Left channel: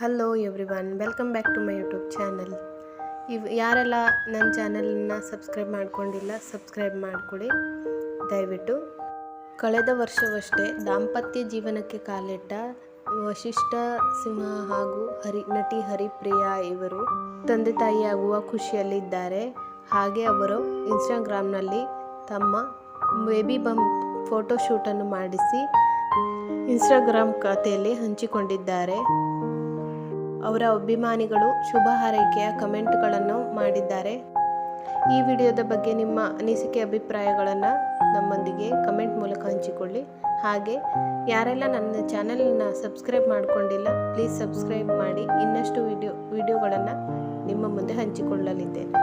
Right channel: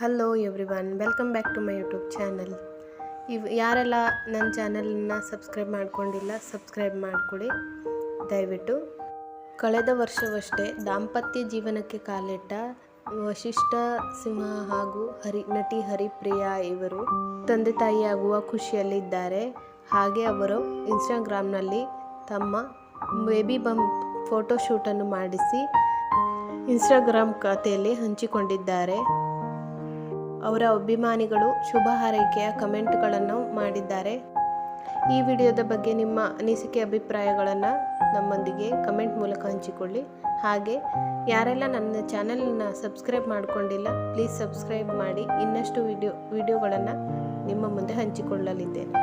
Hello everyone welcome back to my YouTube channel ಇವ್ ಯಾರೆಲ್ಲ ನನ್ನ ಚಾನಲನ್ನ ಸಬ್ಸ್ಕ್ರೈಬ್ ಮಾಡ್ಕೊಂಡಿಲ್ಲ ಸಬ್ಸ್ಕ್ರೈಬ್ ಮಾಡಿಕೊಡಿ. ದಯವಿಟ್ಟು. ಕಳೆದ ವರ್ಷವಷ್ಟೇ ದಾಂಪತ್ಯ ಜೀವನಕ್ಕೆ ಕಾಲಿಟ್ಟ ವಶಿಷ್ಠ ಸಿಂಹ ಹಾಗೂ ಹರಿ, ನಟಿ ಹರಿಪ್ರಿಯಾ ಇವರು ತಂದೆ ತಾಯಿಯಾಗುವ ಖುಷಿಯಲ್ಲಿದ್ದಾರೆ. ಹಾಗೆ ಅವರು ಇನ್ಸ್ಟಾಗ್ರಾಮ್ನಲ್ಲಿ ತಮ್ಮ ಬೇಬಿ ಬಂಪ್ ಫೋಟೋಶೂಟನ್ನು ಮಾಡಿಸಿ ಇನ್ಸ್ಟಾಗ್ರಾಮ್ ಖಾತೆಯಲ್ಲಿ ಹಂಚಿಕೊಂಡಿದ್ದಾರೆ. ಅವರ ಅಭಿಮಾನಿಗಳು ಶುಭ ಹಾರೈಕೆಯ ಕಮೆಂಟ್ಗಳನ್ನು ಮಾಡಿದ್ದಾರೆ. ಈ ವಿಡಿಯೋದ ಬಗ್ಗೆ ನಿಮ್ಮ ಅನಿಸಿಕೆ ಅಭಿಪ್ರಾಯಗಳನ್ನು ನಮ್ಮೊಂದಿಗೆ ಕಮೆಂಟ್ ಮೂಲಕ ಹಂಚಿಕೊಳ್ಳಿ. ಹಾಗೆ, ಯಾರೆಲ್ಲ ನನ್ನ ಚಾನಲನ್ನ ಸಬ್ಸ್ಕ್ರೈಬ್ ಮಾಡಿಕೊಂಡಿಲ್ಲ, ಪ್ಲೀಸ್ ಸಬ್ಸ್ಕ್ರೈಬ್ ಮಾಡಿ ಇನ್ನಷ್ಟು ವಿಡಿಯೋ, ವಿಡಿಯೋಗಳನ್ನು ನಿಮ್ಮ ಮುಂದೆ ಹಂಚಿಕೊಳ್ಳಲಿದ್ದೇನೆ.